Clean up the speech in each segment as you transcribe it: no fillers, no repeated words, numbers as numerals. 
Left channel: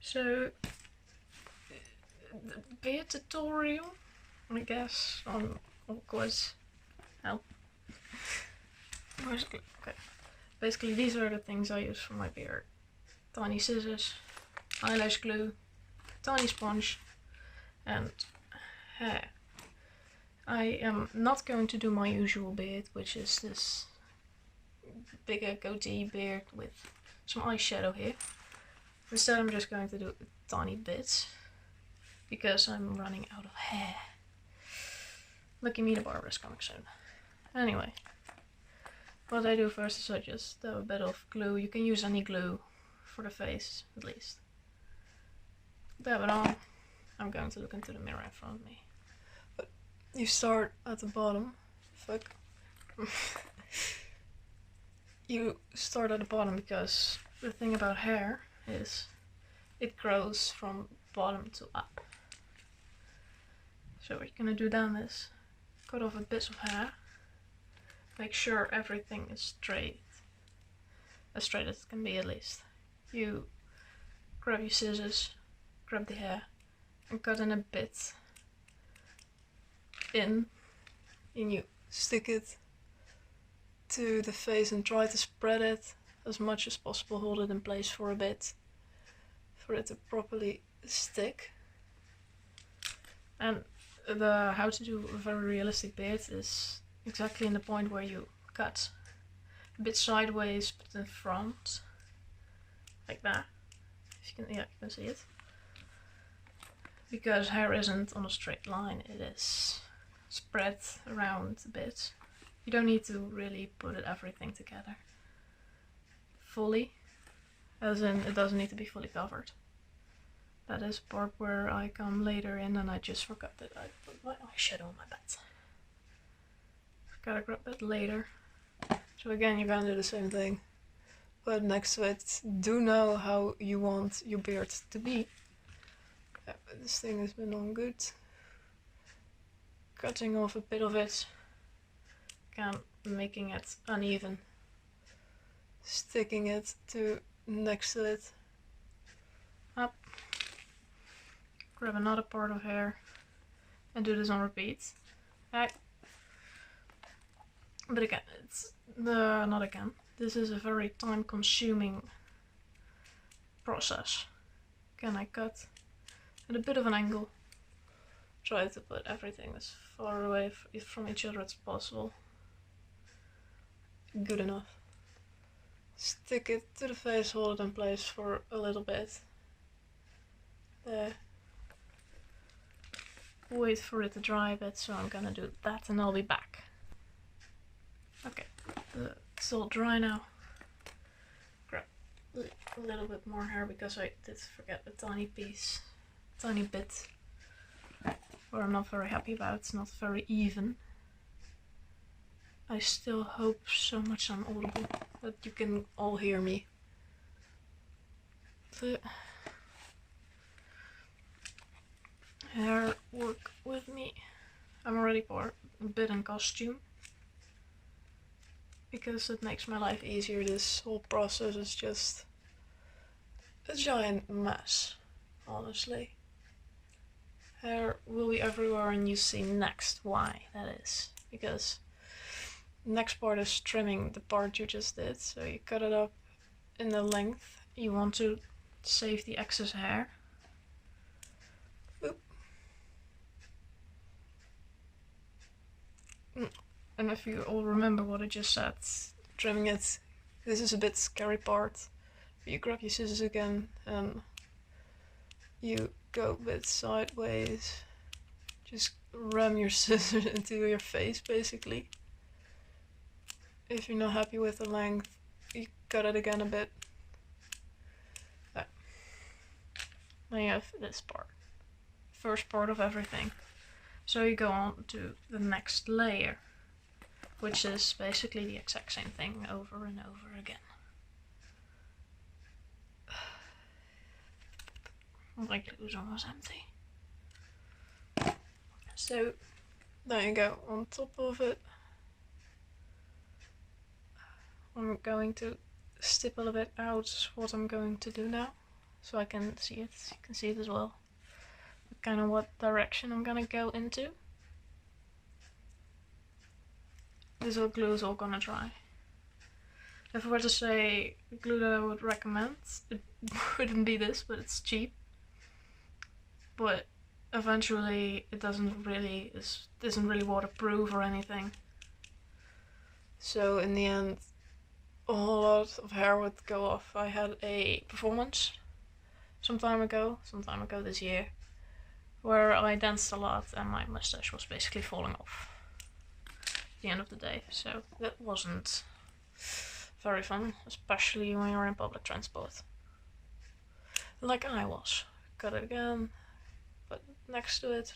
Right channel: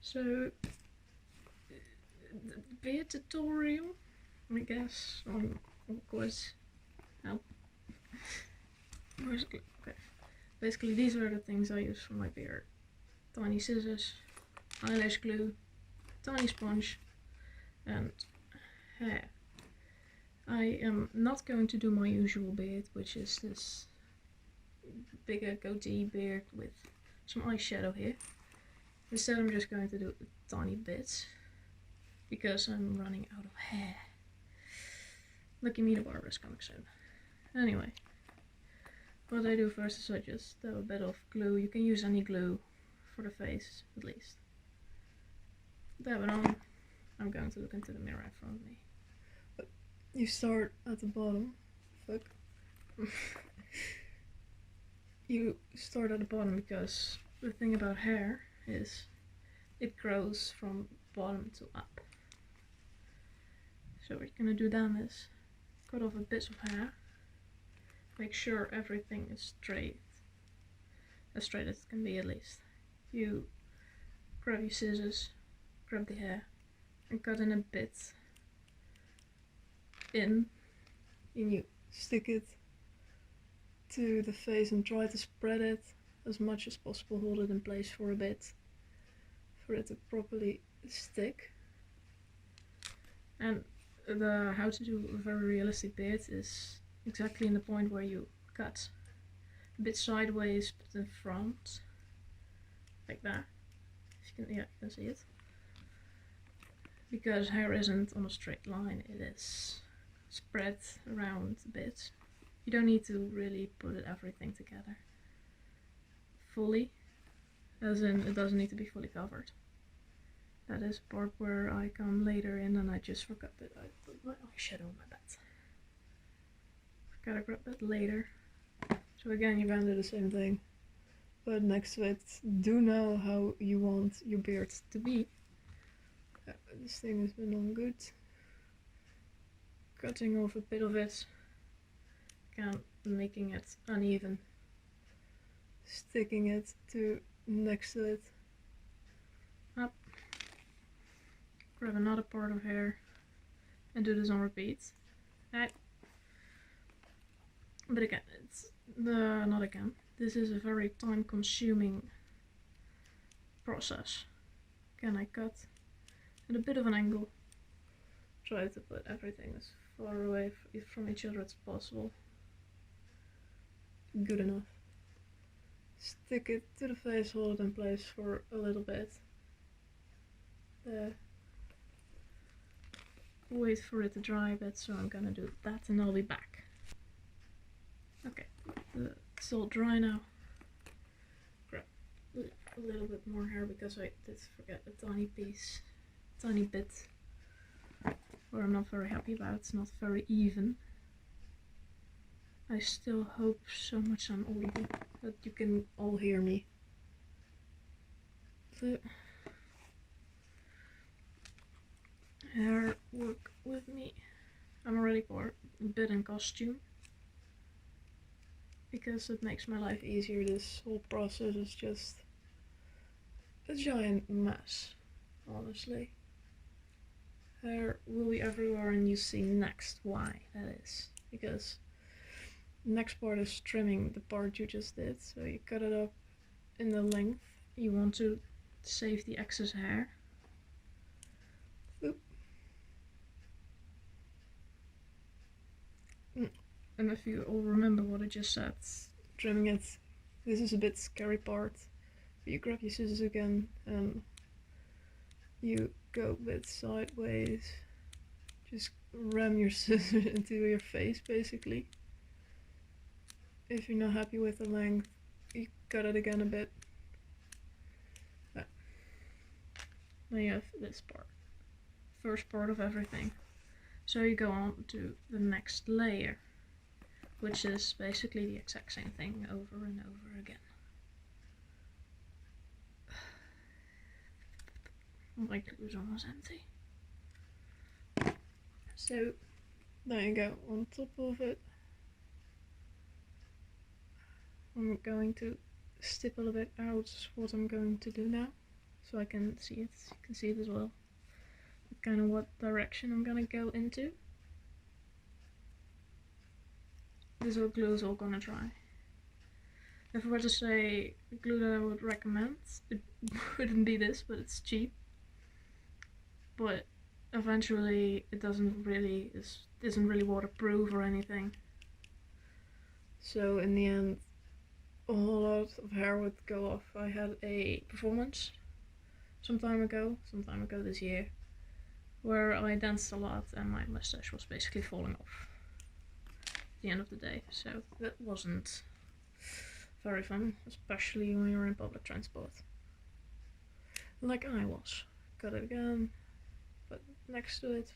So, the beard tutorial, I guess, on Awkward's help. Okay. Basically, these are the things I use for my beard. Tiny scissors, eyelash glue, tiny sponge, and hair. I am not going to do my usual beard, which is this bigger goatee beard with some eyeshadow here. Instead, I'm just going to do tiny bits because I'm running out of hair. Lucky me, the barber is coming soon. Anyway, what I do first is I just dab a bit of glue. You can use any glue for the face, at least. Dab it on. I'm going to look into the mirror in front of me. But you start at the bottom. Fuck. You start at the bottom because the thing about hair is it grows from bottom to up. So what you're gonna do then is cut off a bit of hair. Make sure everything is straight. As straight as it can be, at least. You grab your scissors, grab the hair, and cut in a bit in, and you stick it to the face and try to spread it as much as possible. Hold it in place for a bit for it to properly stick. And the how to do a very realistic beard is exactly in the point where you cut a bit sideways but in front, like that. If you can, yeah, you can see it. Because hair isn't on a straight line, it is spread around a bit. You don't need to really put everything together fully, as in it doesn't need to be fully covered. That is a part where I come later in, and I just forgot that I put my eyeshadow on my bed. Gotta grab that later. So again, you're gonna do the same thing, but next to it, do know how you want your beard to be. Yeah, this thing has been on good. Cutting off a bit of it, again making it uneven, sticking it to next to it, up, grab another part of hair, and do this on repeat. But again, it's not again. This is a very time-consuming process. Again, I cut at a bit of an angle. Try to put everything as far away from each other as possible. Good enough. Stick it to the face, hold it in place for a little bit. There. Wait for it to dry a bit, so I'm gonna do that and I'll be back. Okay, it's all dry now. Grab a little bit more hair because I did forget a tiny bit, where I'm not very happy about. It's not very even. I still hope so much I'm audible that you can all hear me. The hair work with me. I'm already for a bit in costume because it makes my life easier. This whole process is just a giant mess, honestly. Hair will be everywhere, and you see next why that is. Because next part is trimming the part you just did. So you cut it up in the length. You want to save the excess hair. Oop. And if you all remember what I just said, trimming it, this is a bit scary part. You grab your scissors again and you go a bit sideways. Just ram your scissors into your face, basically. If you're not happy with the length, you cut it again a bit. Now you have this part. First part of everything. So you go on to the next layer, which is basically the exact same thing over and over again. My glue's almost empty. So there you go, on top of it. I'm going to stipple a bit out what I'm going to do now. so I can see it. You can see it as well. Kind of what direction I'm gonna go into. This glue is all gonna dry. If I were to say glue that I would recommend, it wouldn't be this, but it's cheap. But eventually it isn't really waterproof or anything. So in the end, a whole lot of hair would go off. I had a performance some time ago this year, where I danced a lot and my mustache was basically falling off at the end of the day. So that wasn't very fun, especially when you're in public transport. Like I was. Got it again, but next to it,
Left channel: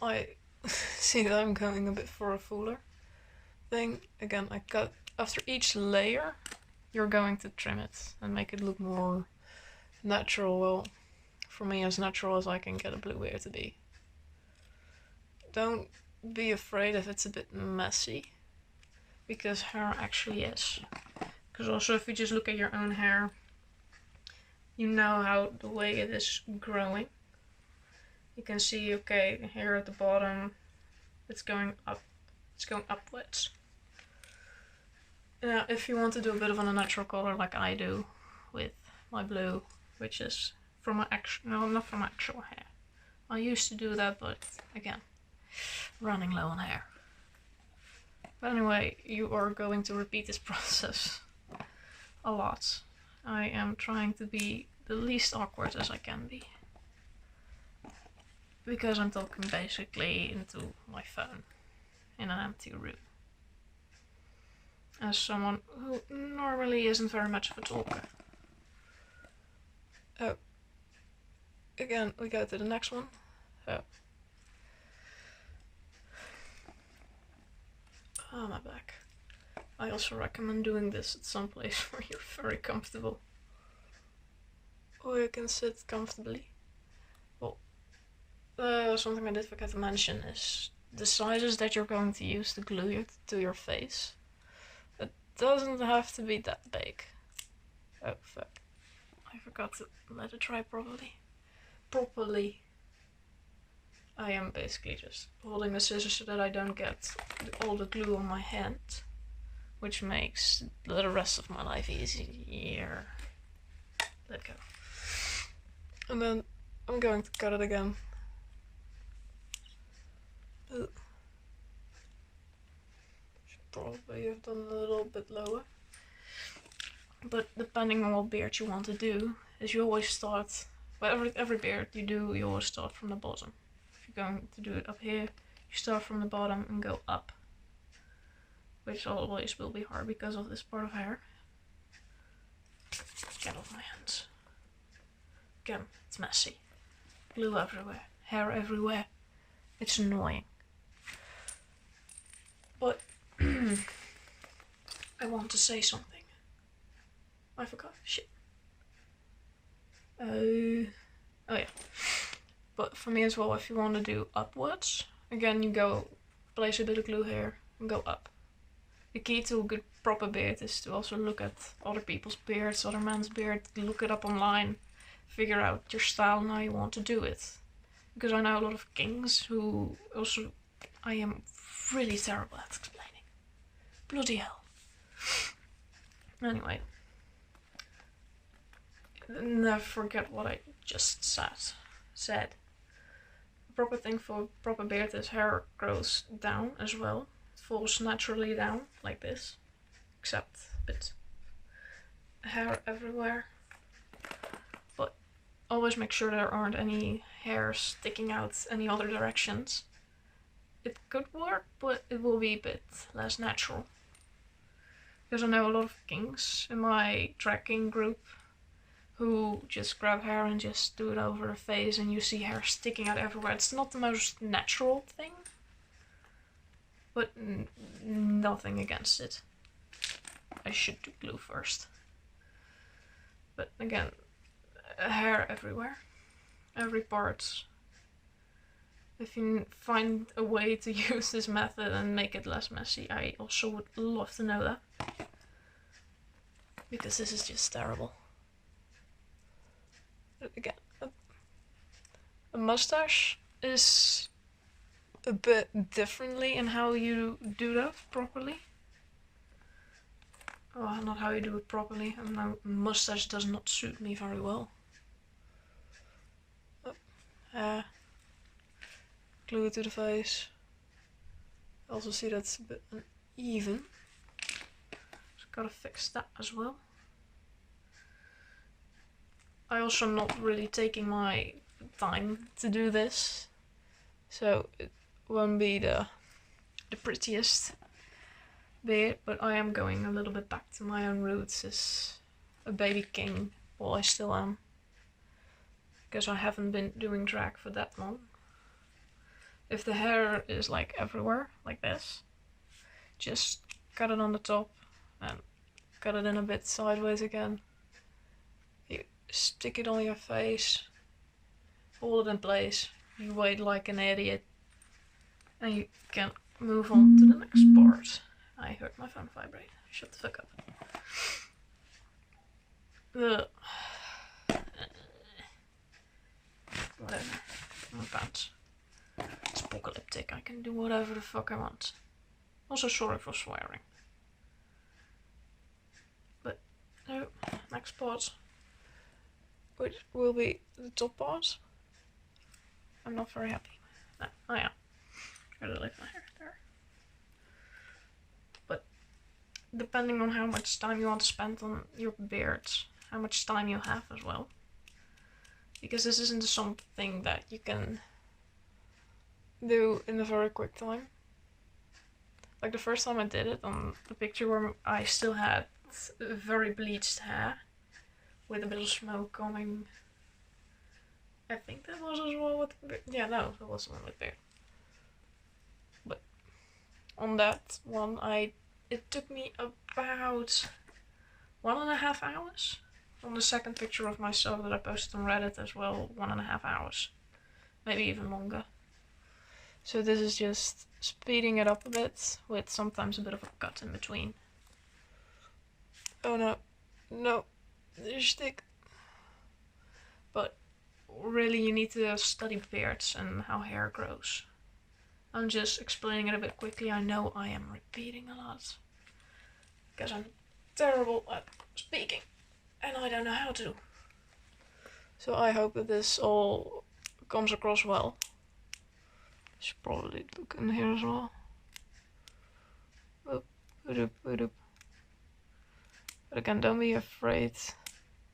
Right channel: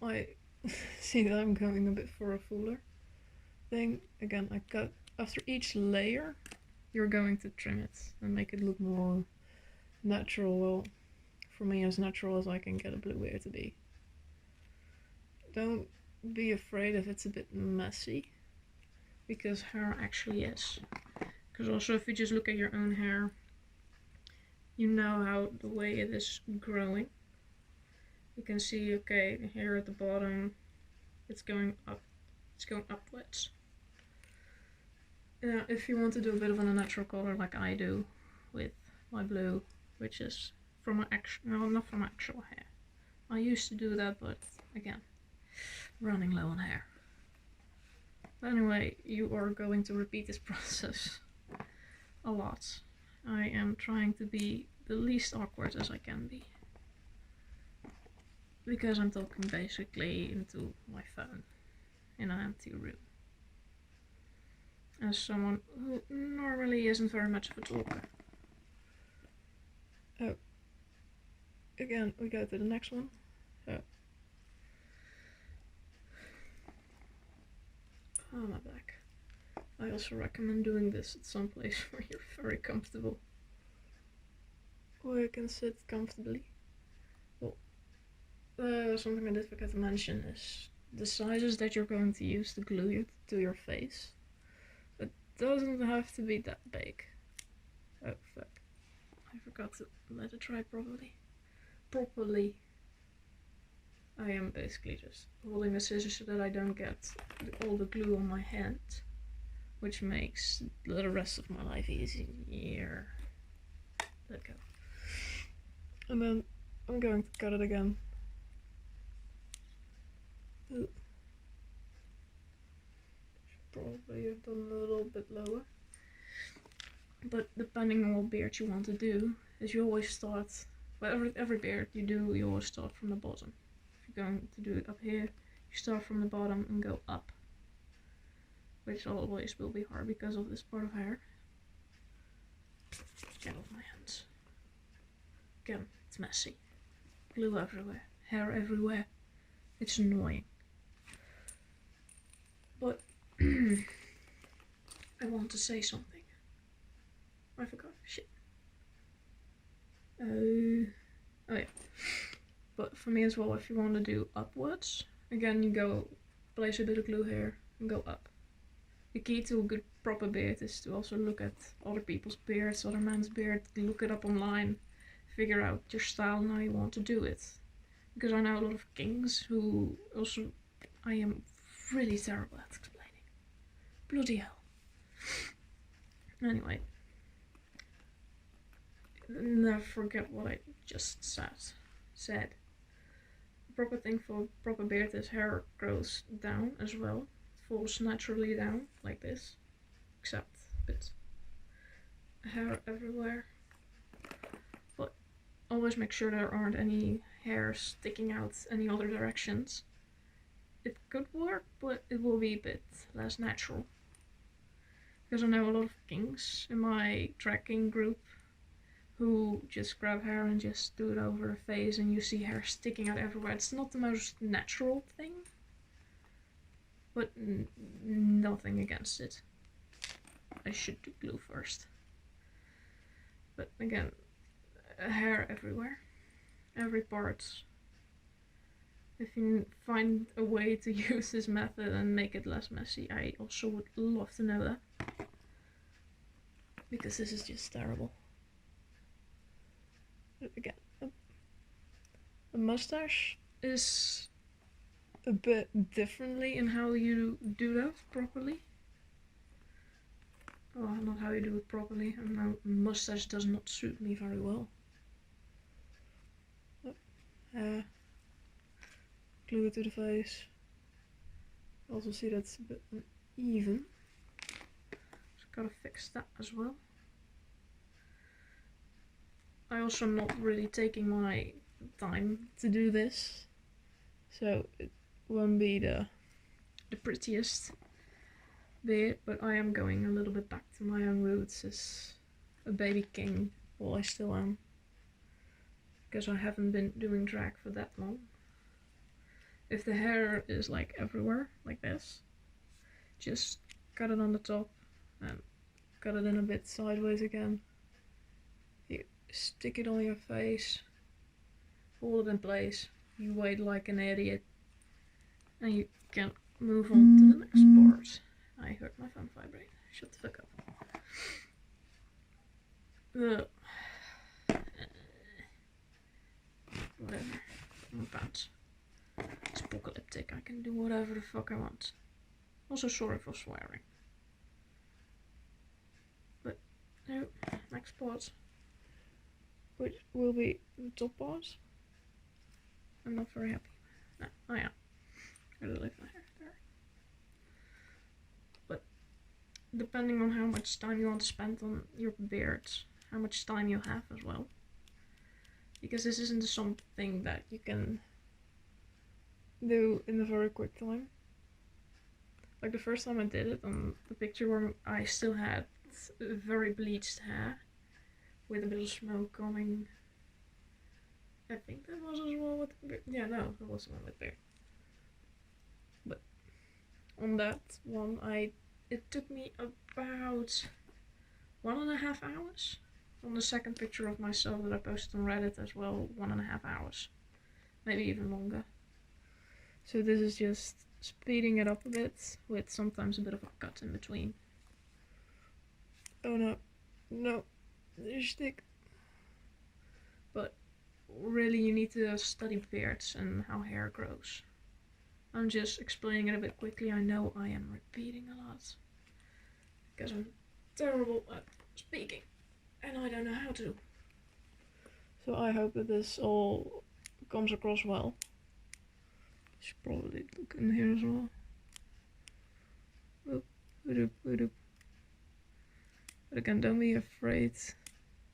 I see that I'm going a bit for a fuller thing. Again, I cut after each layer, you're going to trim it and make it look more natural. Well, for me, as natural as I can get a blue beard to be. Don't be afraid if it's a bit messy, because hair actually is. Because also, if you just look at your own hair, you know how the way it is growing. You can see, okay, here at the bottom, it's going up, it's going upwards. Now, if you want to do a bit of a natural color like I do with my blue, which is from my actual, no, not from actual hair. I used to do that, but again, running low on hair. But anyway, you are going to repeat this process a lot. I am trying to be the least awkward as I can be, because I'm talking basically into my phone in an empty room. As someone who normally isn't very much of a talker. Oh. Again, we go to the next one. Oh. Oh, my back. I also recommend doing this at some place where you're very comfortable. Or you can sit comfortably. Well, something I did forget to mention is the sizes that you're going to use to glue it to your face. It doesn't have to be that big. Oh, fuck. I forgot to let it dry properly. I am basically just holding the scissors so that I don't get all the glue on my hand, which makes the rest of my life easier. Let go. And then I'm going to cut it again. Should probably have done a little bit lower. But depending on what beard you want to do, is you always start, well, every beard you do, you always start from the bottom. If you're going to do it up here, you start from the bottom and go up. Which always will be hard because of this part of hair. Get off my hands. Again, it's messy. Glue everywhere, hair everywhere. It's annoying. But I want to say something. I forgot. Shit. Oh yeah. But for me as well, if you want to do upwards, again you go place a bit of glue here and go up. The key to a good proper beard is to also look at other people's beards, other men's beards, look it up online, figure out your style and how you want to do it. Because I know a lot of kings who also, I am really terrible at explaining. Bloody hell. Anyway. Never forget what I just said. The proper thing for proper beard is hair grows down as well. It falls naturally down like this, except a bit hair everywhere. But always make sure there aren't any hairs sticking out any other directions. It could work, but it will be a bit less natural. Because I know a lot of kings in my drag king group who just grab hair and just do it over the face and you see hair sticking out everywhere. It's not the most natural thing, but nothing against it. I should do glue first. But again, hair everywhere, every part. If you find a way to use this method and make it less messy, I also would love to know that. Because this is just terrible. mustache is a bit differently in how you do that properly. Oh, not how you do it properly. And my mustache does not suit me very well. Glue it to the face. I also see that's a bit uneven. Just gotta fix that as well. I also not really taking my time to do this, so it won't be the prettiest beard, but I am going a little bit back to my own roots as a baby king. Well, I still am, because I haven't been doing drag for that long. If the hair is like everywhere, like this, just cut it on the top and cut it in a bit sideways again. You stick it on your face, hold it in place, you wait like an idiot, and you can move on to the next part. I heard my phone vibrate. Shut the fuck up. Whatever. My pants. It's apocalyptic. I can do whatever the fuck I want. Also, sorry for swearing. But no, next part, which will be the top part. I'm not very happy. No, oh yeah, gotta leave my hair there. But depending on how much time you want to spend on your beard, how much time you have as well. Because this isn't something that you can do in a very quick time. Like the first time I did it on the picture where I still had very bleached hair with a bit of smoke coming. I think that was as well with the beard. Yeah, no, that was the one with beard. But on that one, it took me about 1.5 hours. On the second picture of myself that I posted on Reddit as well, 1.5 hours. Maybe even longer. So this is just speeding it up a bit, with sometimes a bit of a cut in between. Oh no, no, there's stick. But really you need to study beards and how hair grows. I'm just explaining it a bit quickly. I know I am repeating a lot, because I'm terrible at speaking. And I don't know how to. So I hope that this all comes across well. Should probably look in here as well. Oop, oop, oop. But again, don't be afraid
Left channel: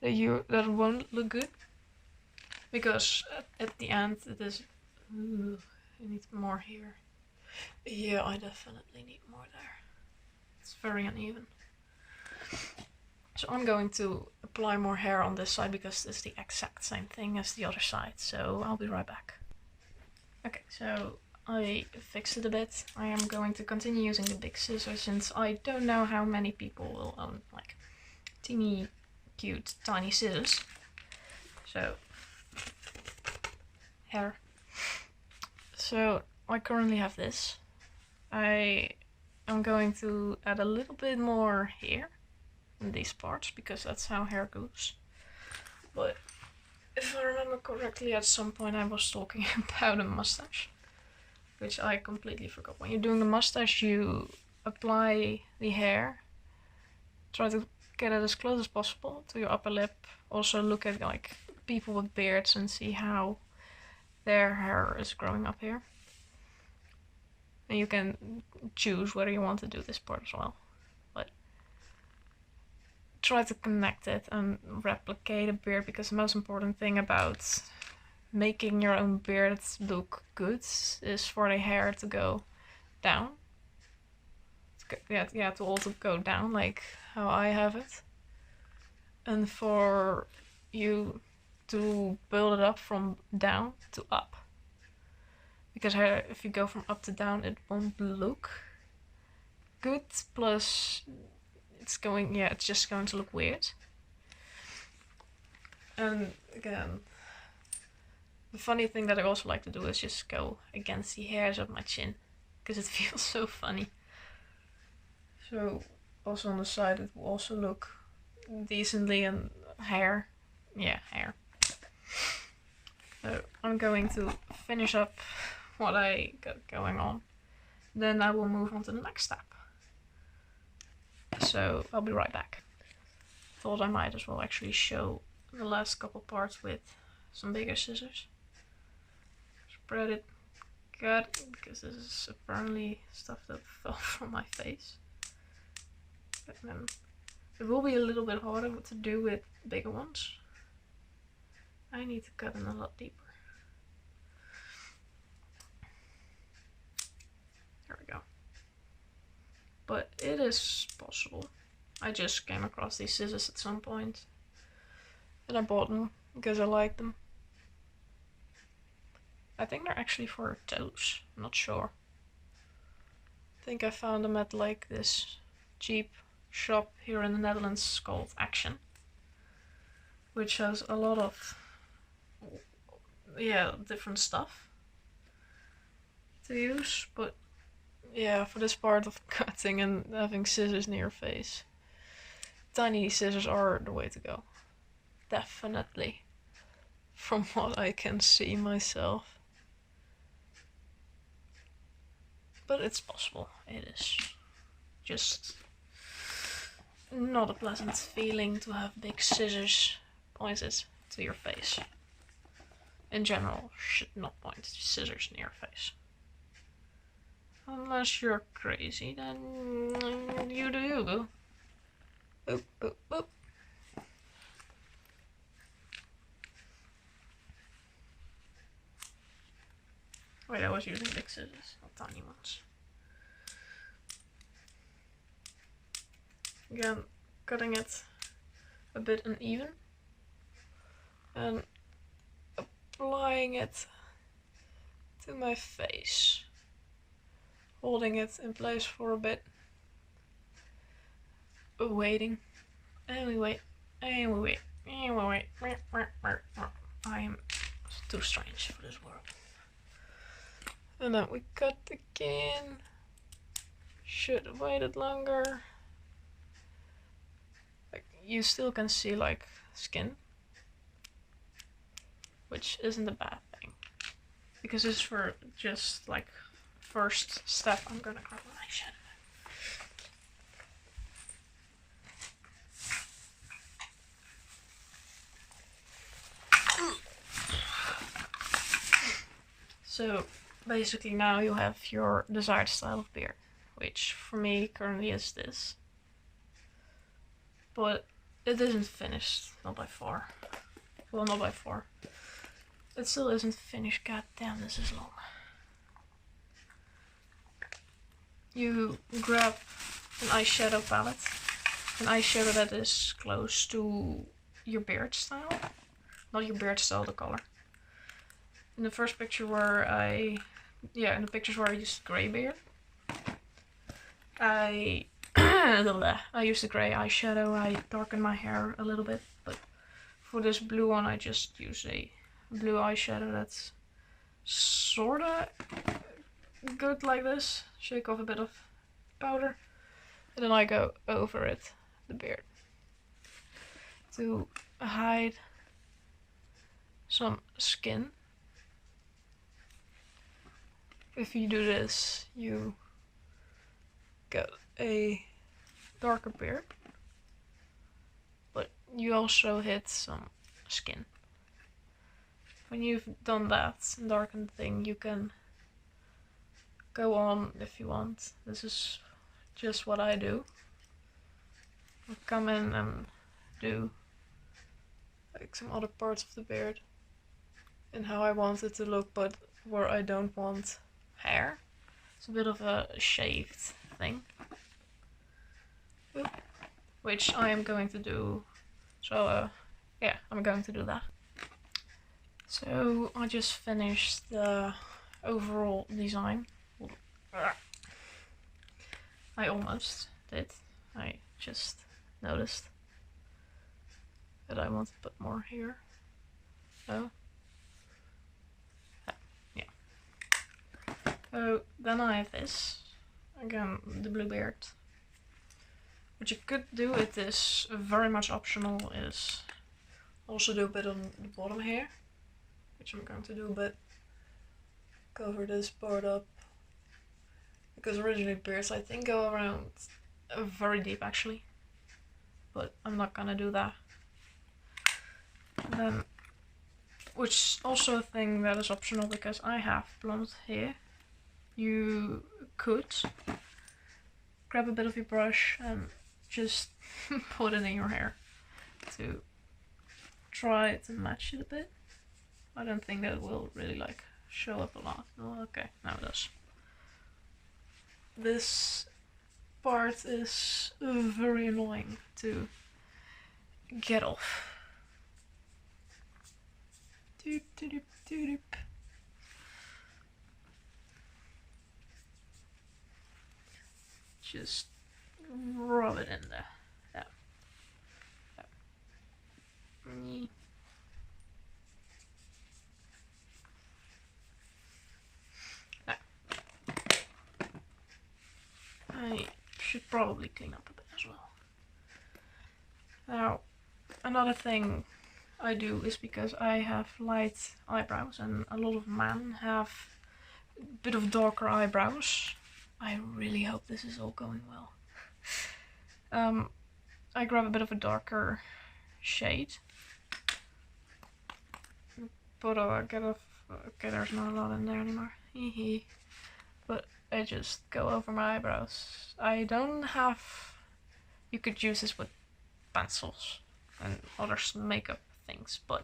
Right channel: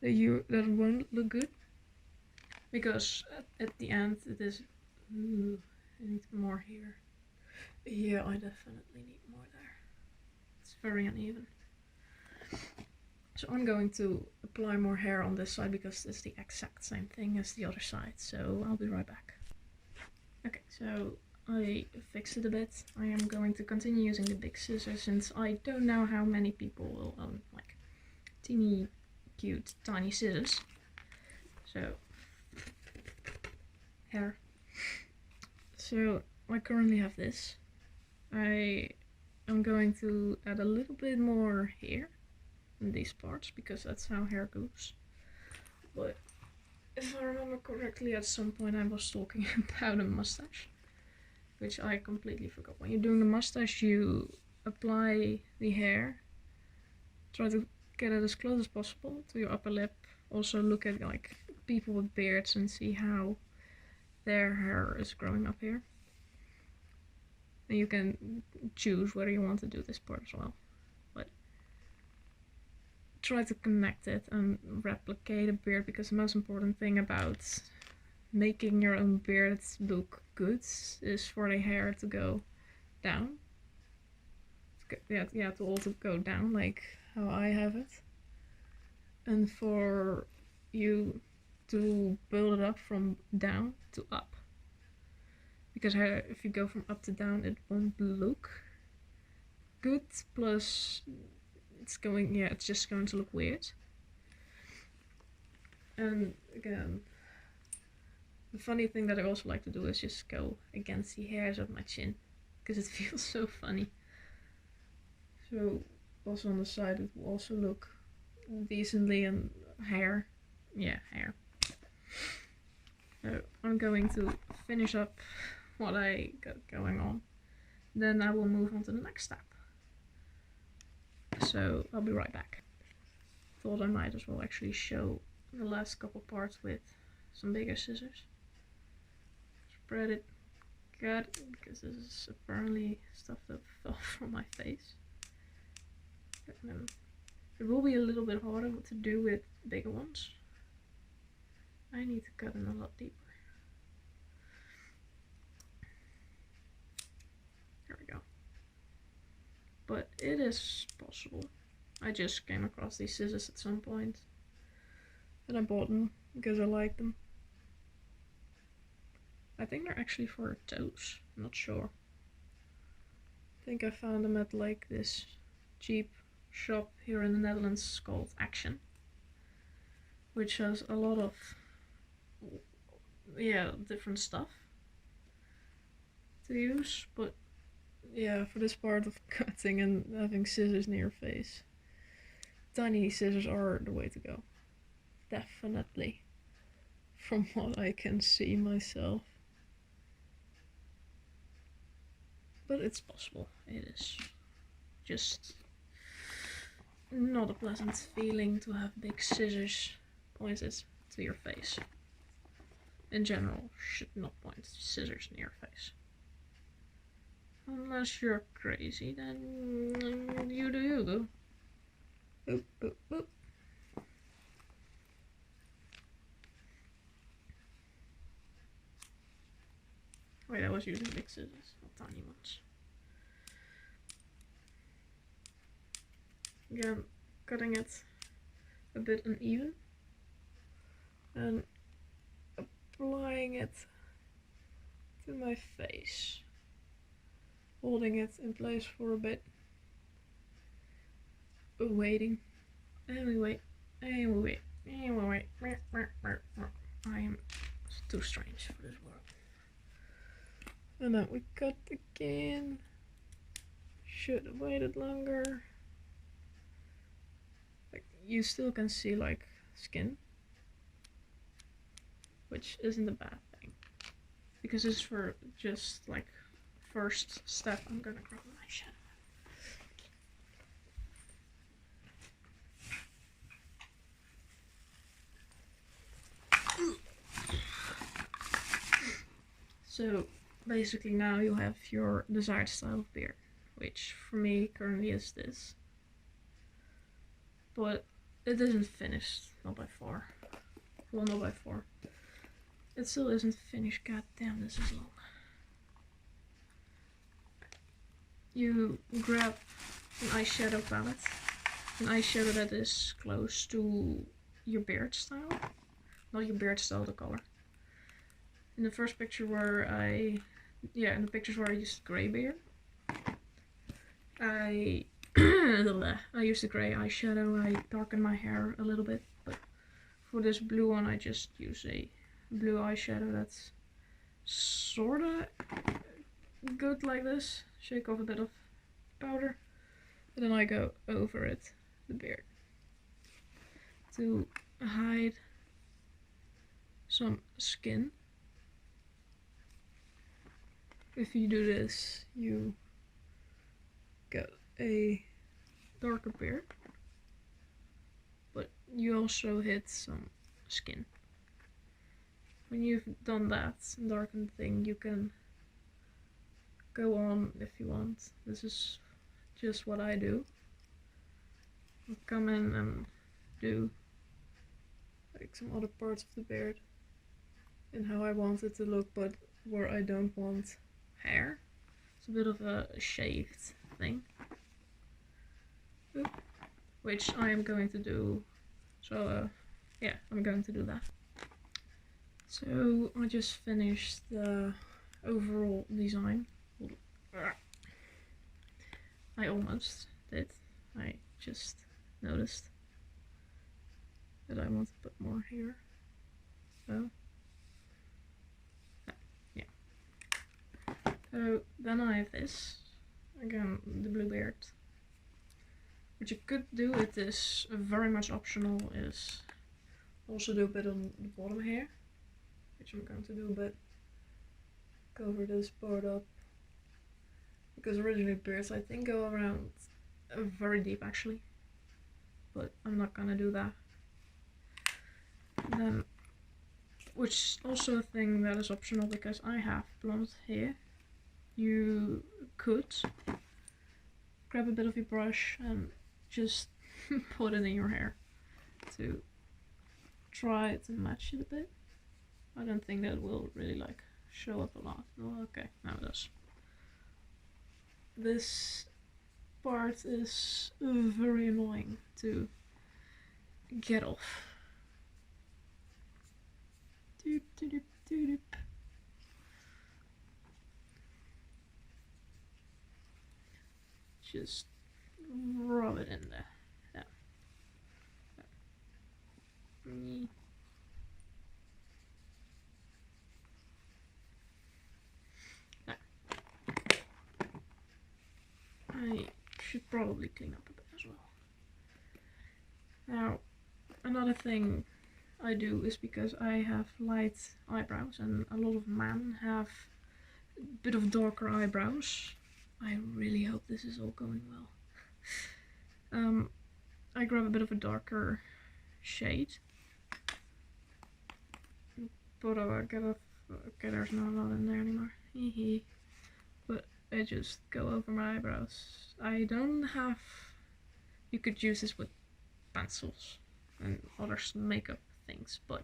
that that won't look good, because at the end it is. Ooh, I need more here. Yeah, I definitely need more there. It's very uneven. So I'm going to apply more hair on this side because it's the exact same thing as the other side. So I'll be right back. Okay, so I fixed it a bit. I am going to continue using the big scissors since I don't know how many people will own like teeny cute tiny scissors. So hair. So I currently have this. I am going to add a little bit more here in these parts because that's how hair goes. But if I remember correctly, at some point I was talking about a mustache, which I completely forgot. When you're doing the mustache, you apply the hair, try to get it as close as possible to your upper lip. Also look at like people with beards and see how their hair is growing up here. And you can choose whether you want to do this part as well. But try to connect it and replicate a beard, because the most important thing about making your own beard look good is for the hair to go down. Yeah, to all to go down like how I have it. And for you to build it up from down to up. Because if you go from up to down, it won't look good. Plus, it's just going to look weird. And again, the funny thing that I also like to do is just go against the hairs of my chin, because it feels so funny. So also on the side, it will also look decently, and hair. Yeah, hair. So I'm going to finish up what I got going on. Then I will move on to the next step. So I'll be right back. Thought I might as well actually show the last couple parts with some bigger scissors. Spread it good, because this is apparently stuff that fell from my face. It will be a little bit harder to do with bigger ones. I need to cut in a lot deeper. There we go. But it is possible. I just came across these scissors at some point and I bought them because I like them. I think they're actually for toes, I'm not sure. I think I found them at like this cheap shop here in the Netherlands called Action, which has a lot of different stuff to use, but yeah, for this part of cutting and having scissors near your face, tiny scissors are the way to go. Definitely. From what I can see myself. But it's possible. It is just not a pleasant feeling to have big scissors pointed to your face. In general, should not point scissors near your face. Unless you're crazy, then you do you, boo. Boop, boop, boop. Wait, I was using big scissors, not tiny ones. Again, cutting it a bit uneven and applying it to my face. Holding it in place for a bit. Waiting. And we wait. And we wait. And we wait. I am too strange for this world. And then we cut again. Should have waited longer. Like, you still can see like skin, which isn't a bad thing, because this is for just like first step. I'm gonna grab my eyeshadow. So basically now you have your desired style of beard, which for me currently is this. But it isn't finished, not by far. Well, not by far. It still isn't finished. God damn, this is long. You grab an eyeshadow palette, an eyeshadow that is close to your beard style. Not your beard style, the color. In the first picture where in the pictures where I used grey beard, I used a grey eyeshadow. I darkened my hair a little bit, but for this blue one I just use a blue eyeshadow that's sorta good like this. Shake off a bit of powder, and then I go over it, the beard, to hide some skin. If you do this, you get a darker beard, but you also hit some skin. When you've done that and darkened the thing, you can go on if you want. This is just what I do. I'll come in and do like some other parts of the beard and how I want it to look, but where I don't want hair. It's a bit of a shaved thing. Oop. Which I am going to do. So yeah, I'm going to do that. So I just finished the overall design. I almost did. I just noticed that I want to put more here. Oh. Yeah. So then I have this. Again, the blue beard. What you could do, it is very much optional, is also do a bit on the bottom here, which I'm going to do, but cover this part up. Because originally beards I think go around very deep actually, but I'm not gonna do that. And then, which is also a thing that is optional because I have blonde hair. You could grab a bit of your brush and just put it in your hair to try to match it a bit. I don't think that it will really like show up a lot. Oh, okay, now it does. This part is very annoying to get off. Doop, doop, doop, doop. Just rub it in there. Yeah. Yeah. I should probably clean up a bit as well. Now, another thing I do is because I have light eyebrows and a lot of men have a bit of darker eyebrows. I really hope this is all going well. I grab a bit of a darker shade. But okay, there's not a lot in there anymore. But I just go over my eyebrows. I don't have... You could use this with pencils and other makeup things, but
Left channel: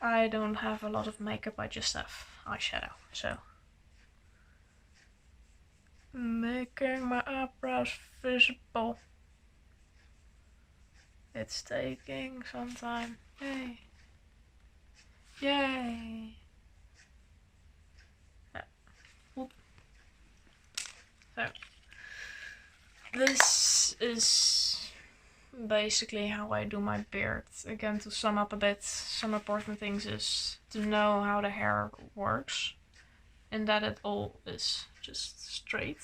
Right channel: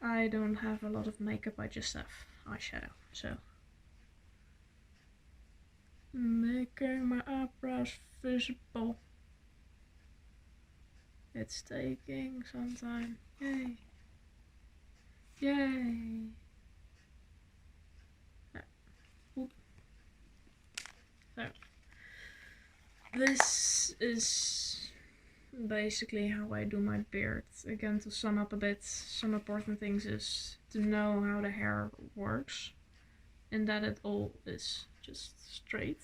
I don't have a lot of makeup, I just have eyeshadow, so... Making my eyebrows visible. It's taking some time. Yay. Yay. So, this is basically how I do my beard. Again, to sum up a bit, some important things is to know how the hair works, and that it all is just straight.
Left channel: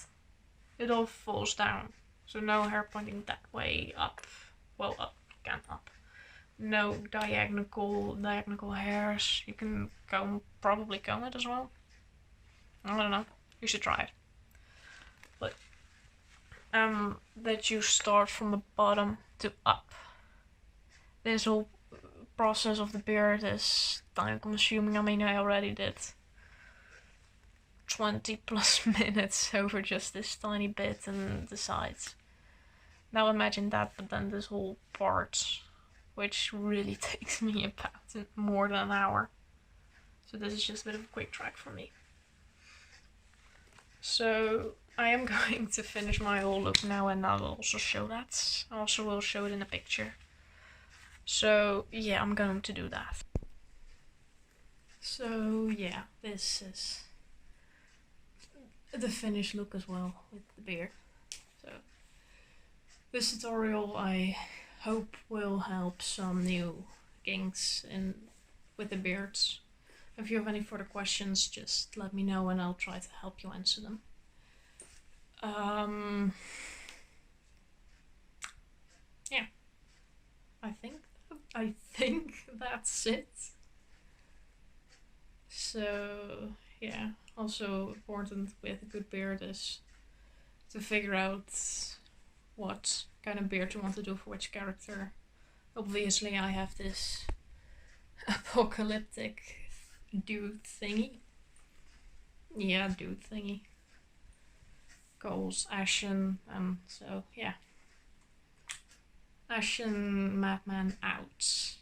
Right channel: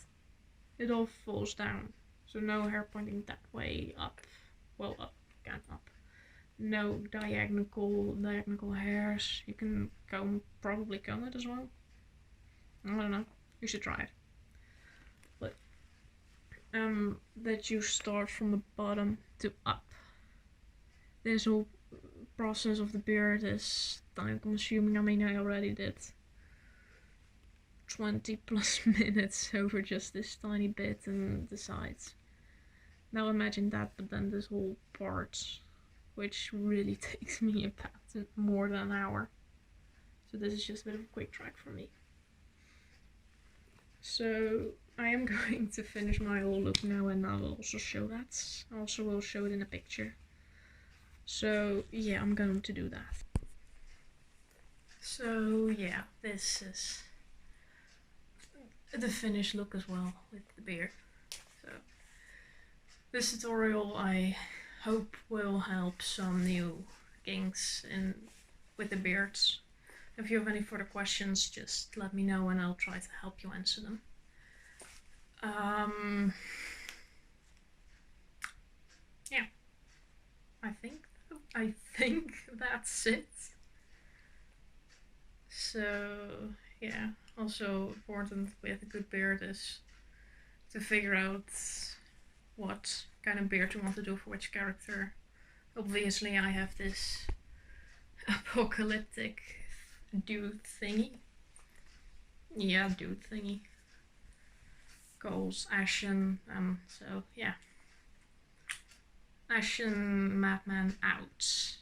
It all falls down, so no hair pointing that way up. Well, up, again up. No diagonal hairs. You can probably comb it as well. I don't know. You should try it. But that you start from the bottom to up. This whole process of the beard is time consuming. I mean, I already did 20 plus minutes over just this tiny bit and the sides. Now imagine that, but then this whole part, which really takes me about more than an hour. So this is just a bit of a quick track for me. So I am going to finish my whole look now, and I'll also show that. I also will show it in a picture. So yeah, I'm going to do that. So yeah, this is the finished look as well with the beard. So this tutorial I hope will help some new kinks with the beards. If you have any further questions, just let me know and I'll try to help you answer them. Yeah, I think that's it. So yeah, also important with a good beard is to figure out what kind of beard you want to do for which character. Obviously I have this apocalyptic dude thingy. Yeah, dude thingy. Calls Ashen, so yeah. Ashen Madman out.